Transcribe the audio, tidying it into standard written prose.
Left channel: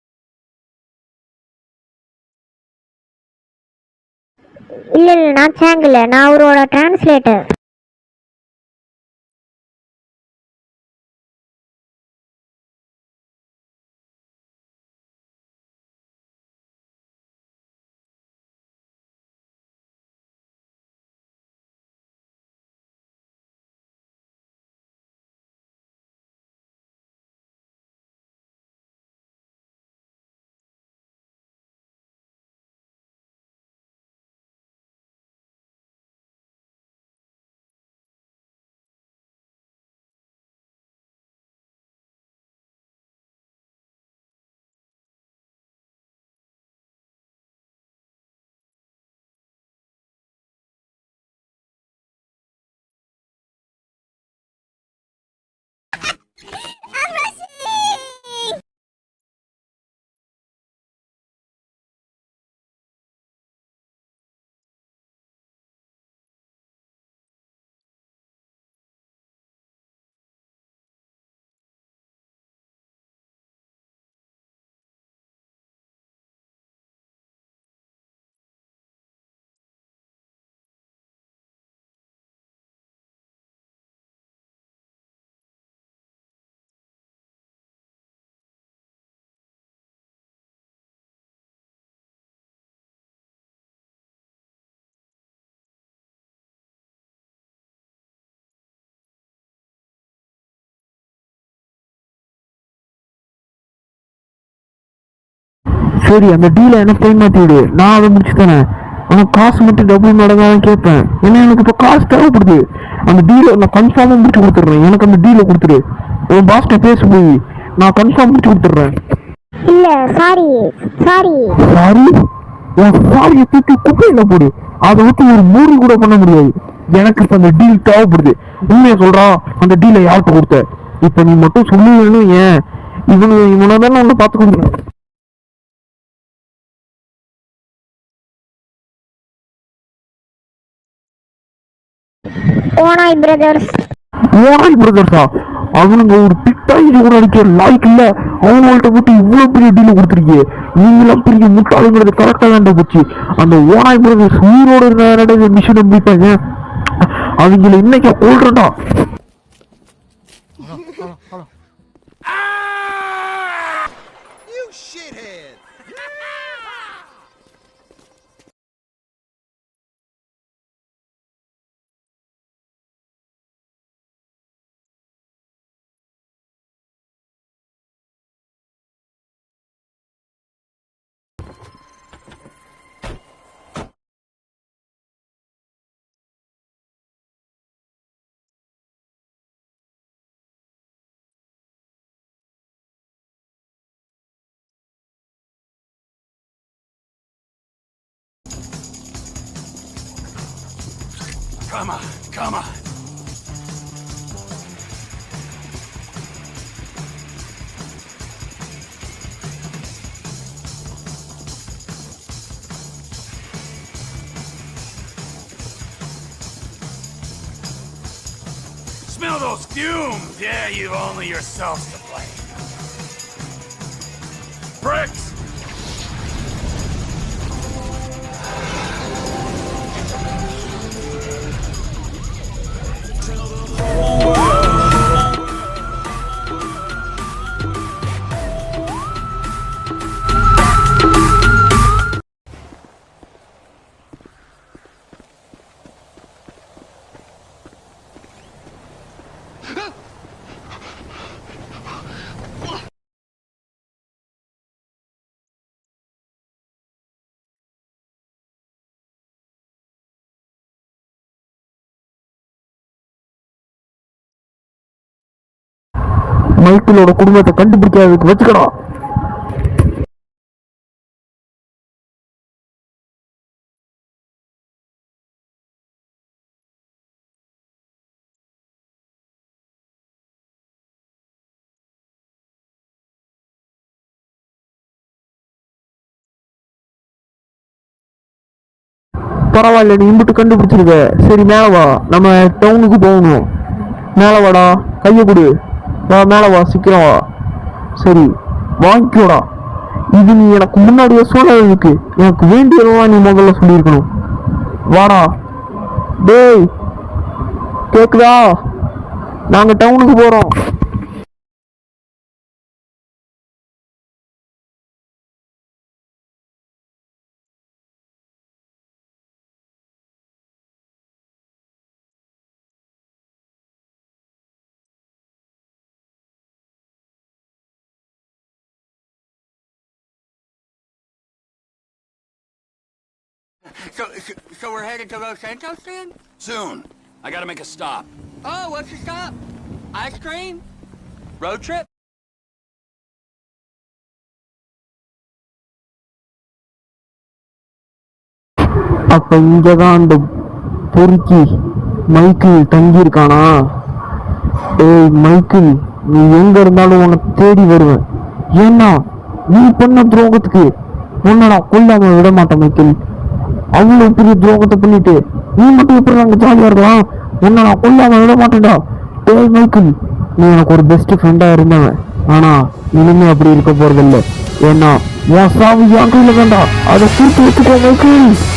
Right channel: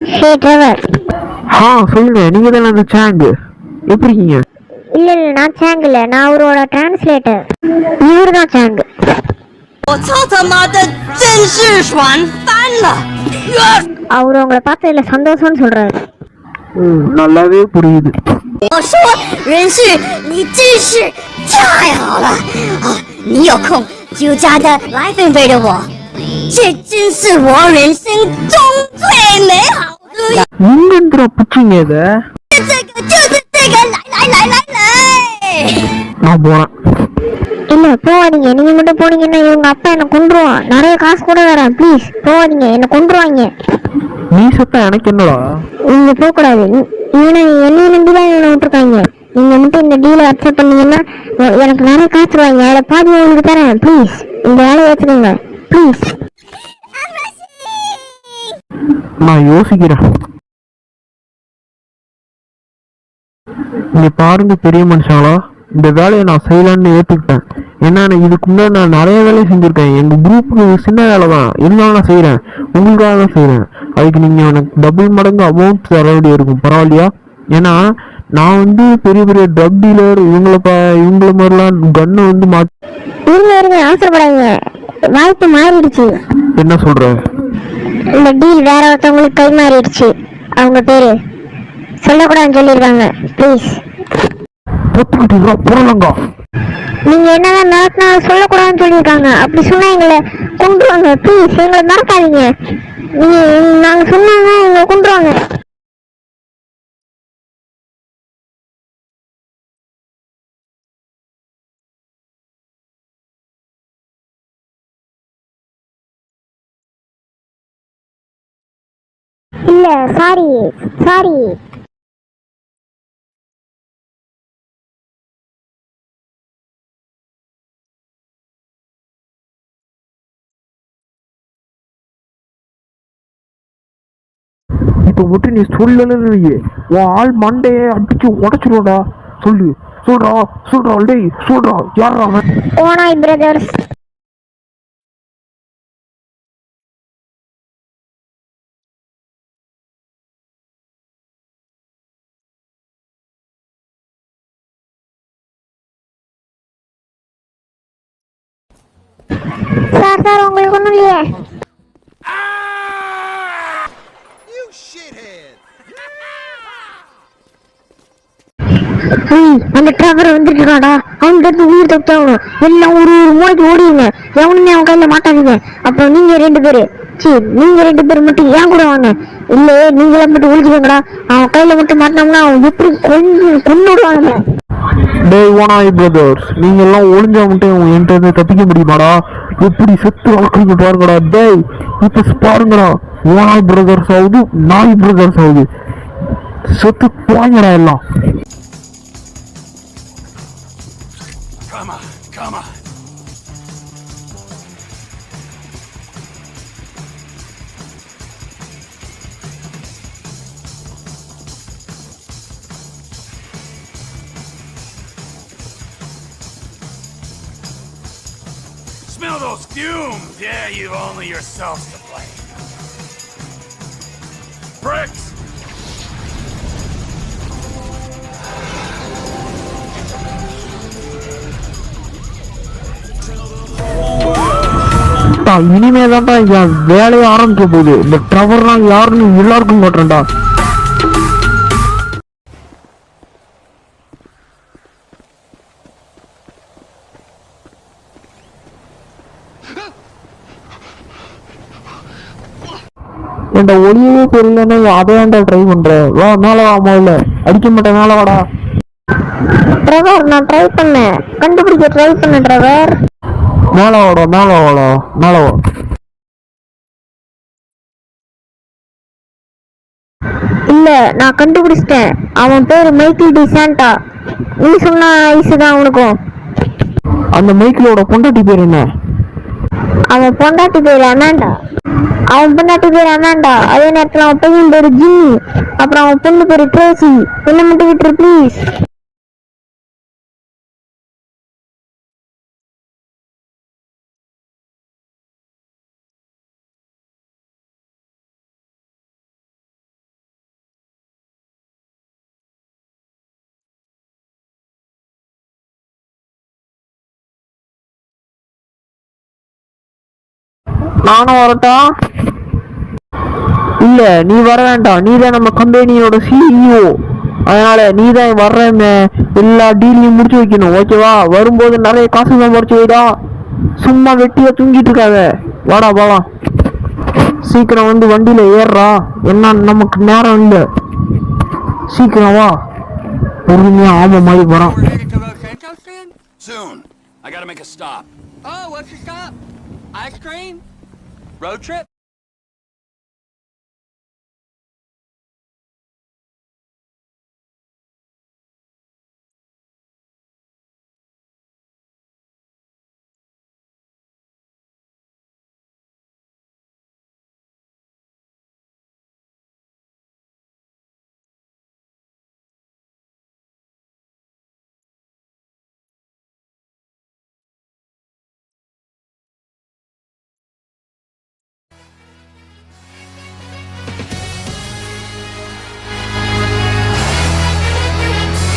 ஹே driver. சொல்லுங்க, நீங்க தானே அந்த சாங்? எப்படி இருக்கீங்க? இல்ல இல்ல, நான் சாங் இல்ல, நான் அவரோட டிரான்ஸ்லேட்டர். இவரு தான் சாங். 我操他妈的，真是爽翻了！ அவரு உங்களை பார்த்ததுல சந்தோஷம்னு சொல்றாரு. நல்லாவே புரியுது. 我说人旭，你真是太好了啊！你有空就加的来分配着我，这真是我人生中最美好的。 எங்கேந்திரா பிடிச்சிங்க இதை? 就是这个，来！ நான் போறேன். இல்ல போவாதீங்க, நீங்க மட்டும் போனீங்கன்னா இவங்க அப்பா என்ன கொன்றுவான். நிறைய காசு கூட தரேன், ப்ளீஸ் போவாதீங்க, என்ன கொன்றுவாங்க. நீ சத்தா எனக்கு என்னடா? நீங்க போக கூடாது. இவனை என்னைய நம்பிதான் இவனை விட்டுருக்காங்க. நீங்க மட்டும் இந்த டீலை அக்செப்ட் பண்ணீங்கன்னா எனக்கு நிறைய காசு தருவாங்க. அதை பாதி உங்களுக்கு தரேன், ப்ளீஸ் இந்த வேலையை வச்சுக்கோங்க ப்ளீஸ். நான் யோசிக்கிறேன். இங்க பாருங்க பெரிய மனுஷங்களா, இந்த வேலையை நான் செய்யலான்னு ஏற்றுக்கிட்டேன். ஏன்னா இதுக்கு முன்னாடி நான் நிறைய வேலையை செஞ்சுருக்கேன். எங்கள் குரூப்புக்கு சின்ன வேலை தான் இருந்தாலும் நான் செய்கிறேன், உங்களுக்காக தான் செய்கிறேன். அதுக்கு நீங்கள் எனக்கு டபுள் மடங்கு அமௌண்ட் தர வேண்டிய இருக்கும், பரவாயில்லையா? ஏன்னா நான் வந்து பெரிய பெரிய ட்ரக் டீலர், இவங்கள மாதிரிலாம் கன்னை வந்து இருங்க அவசரப்படாதீங்க, வாய்ப்பு மாறிடுச்சு. என்ன சொல்ற? இந்த டீல் வேற ஒருத்தவங்களுக்கு கை மாறிடுச்சு. அவங்க பேரு சொல்லக்கூடாதுன்னு சொல்லியிருக்காங்க, ப்ளீஸ். புறலங்கா, நீங்க என்னதான் மிரட்டினாலும் சொல்லக்கூடாதுன்னு சொல்லியிருக்காங்க. அப்படி சொன்னா எங்களை கொண்டுருவாங்க, ப்ளீஸ் எங்களை மறக்காதீங்க. நீங்க நாங்க சொன்னாங்க எங்களை கொண்டுருவாங்க. சரி, அந்த டீலை எனக்கு கை மாற்றிவிடு, நான் அதை முடிச்சு தானே. ஆனால் காசு மட்டும் டபுள் மடங்காக கேட்பேன். ஏன்னா எனக்கு இப்போ காசு தேவைப்படுது. அந்த டீலை நான் கன்ஃபார்மாக முடிச்சு கொடுத்துட்றேன். எனக்கு அந்த டீலை கொடுத்துரு. உன் பாஸ்ட்டை பேச போய் நான் கன்ஃபார்ம் முடிச்சு கொடுத்துட்றேன். இல்ல சாரி சாரி சாரி? உன் சாரியை தூக்கி குப்பையில் போடு. அதை விட்டு ஒரு மூடி கூட பண்ண முடியாது. எனக்கு இப்போ அந்த டீல் தேவைப்படுது. உண்மையை சொல்றா, அந்த டீலை யார்கிட்ட கொடுத்த? இப்போ நீ மட்டும் சொல்லுவேன்னு ஏன் இவனை தானே ஒன்று பார்த்து கொடுக்குறேன். இப்போ மட்டும் நீ சொல்லலையே உன் ஆள் மண்டையை அடிச்சு உடச்சிருவாடா. சொல்றா டேய், சொல்றா யாரா அவன்? ஓனாய் பிரதர்ஸ். ஓனாய் பிரதர்ஸா? அவனுங்க ஒரு பிட்டாய் கூட அடிக்க லாய்க்கு இல்ல. அவங்கள்ட்ட போட்டு இவ்வளவு பெரிய டீல கொடுத்துருக்கீங்க. நீங்களாம் பெரிய முட்டாளுங்கிறது கரெக்டா தான்டா போச்சு. அந்த ஓனாய் பிரதர்ஸ் உயிரோட இருந்த மிஷின் நம்பிப்பாங்க. அவங்கள இன்னைக்கு கொள்றா. சார் உங்களுக்கு ஒண்ணும் இல்லையே. அந்த டிராவர் வந்துட்டு இருக்காடா, அவன்கிட்ட உயிர் தப்பிச்சாகணும். எல்லாம் ஒரு மூளைக்கு ஓடிடுங்க, எவனுமே அவன் கையில மாட்டாதீங்க. அப்புறம் நீங்க ரெண்டு பேரு மட்டும் ஏன் கூட வாங்க. இல்ல நீங்கள மட்டும் ஒழிச்சுக்கோங்கடா. அவன் கையில மட்டும் மாட்டினோம்னா அவன் எப்படி கொண்டு விடுவாங்க. டேய் ஓனாய் பிரதர்ஸ், நீங்க எல்லாம் ஒளிஞ்சா மட்டும் என்கிட்ட இருந்து தப்பிக்க முடியுமாடா? எப்படி செத்து வளர்க்குறீங்க பாருங்கடா. டேய் இப்ப பாருங்கடா, ஓனாய் பிரதர்ஸ் ஆகுது, நாய் பிரதர்ஸ் ஆகுது. செத்து போங்கடா எல்லாம். Come on. Smell those fumes? Yeah, you've only yourselves to blame. Bricks! இனிமேதான்டா என் வேலையை ஆரம்பிக்க போகுது. இந்த ட்ரவர்லாம் யாருன்னு எல்லாருக்கும் போட்டுறேன்டா. என்ட ஒளியவே தெரியலன்னா அதையாண்டா ட்ரை பண்ற. வா மேல வா, முதல்ல அடிக்க மாட்டேன், மேல வாடா. டிரைவர் நான் ட்ரை பண்ணேன், கண்டுபிடிக்க ட்ரை பண்ணேன் டிரைவர். மேல வா. மைக்கிளோட குடும்பத்தை கண்டுபிடிக்காததுக்கு வச்சுக்கடா. இல்ல நான் கண்டுபிடிச்சிட்டேன், அவன் பேரு மைக்கேல் டி சாண்டா. நீ சொன்ன ஐசுதான் அவனுக்கும். அந்த மைக்கிளோட பொண்டாட்டி பேர் என்ன? அவன் பொண்டாட்டி பேரு அமாண்டா. அதே நேரத்துல அவன் பையன் பேரு ஜிம்மி. அப்புறம் அவன் பொண்ணு பேரு ட்ரேசி. என்ன மட்டும் விட்டுரு ப்ளீஸ். பரவாயில்ல, நீ இம்பிட்டு கண்டுபிடிச்சிருக்க. சரி மேல வா, நம்ம டவுனுக்கு போகணும். மேல வாடா, கையை கொடு. வா மேல வா, சீக்கிரம் வா. சரி வாங்கிக்கோடா. இது நீ எனக்கு முன்னாடியே சொன்னதுக்கு எனக்கு வேண்டியதெல்லாம் நீ முதல்ல சொல்லியிருக்கணும். வாடா டேய், கேக்குதா? நாங்க டவுனுக்கு போறோம். நானும் வரட்டா? இல்ல, நீ வர வேண்டாம். நீ தான் நம்ம கம்பெனியோட சிஇஓ. அதனால நீ தான் வர்றன்னு எல்லா டீலையும் முடிச்சு வைக்கணும். ஓகேவா? வரும்போது நிறைய காசு தான் முடிச்சு வைடா. சும்மா வெட்டியா தூங்கிட்டு இருக்காத. வாடா வாடா, சீக்கிரம் வந்து வண்டியில ஏறுறா. என்ன நமக்கு நேரம் இல்லை. சீக்கிரம் வா. பொறுமையா ஆமை மாதிரி வரான். We're headed to Los Santos then? Soon. I gotta make a stop. Oh, what's your stop? Ice cream? Road trip? அப்ப இங்கதான் அந்த பொறுக்கி மைக்கிள் தங்கி இருக்கானா? ஏய் மைக்கிள், நீ எங்க இருந்தாலும் உன்னை தேடி வருவேன். ஏன்னா நீ பண்ண துரோகத்துக்கு உன்னை நான் கொல்லாம விட மாட்டேன் மைக்கிள். அவ்வளவு பெரிய துரோகத்தை பண்ணிட்டு நீ மட்டும் எப்படி அங்க ஜாலியா இருக்கலாம்? உன்னை நான் கொல்லாம விட மாட்டேன்டா. ஏய் மைக்கிள், நீ எனக்கு ஒரு பெஸ்ட் ஃப்ரெண்டா இருந்தவன். ஆனா இனிமே அப்படி இருக்க போறதில்லை. ஏன்னா என் சாவு என் கையில வேண்டாம். அதை கூட்டு வச்சுக்கோ மைக்கிள்.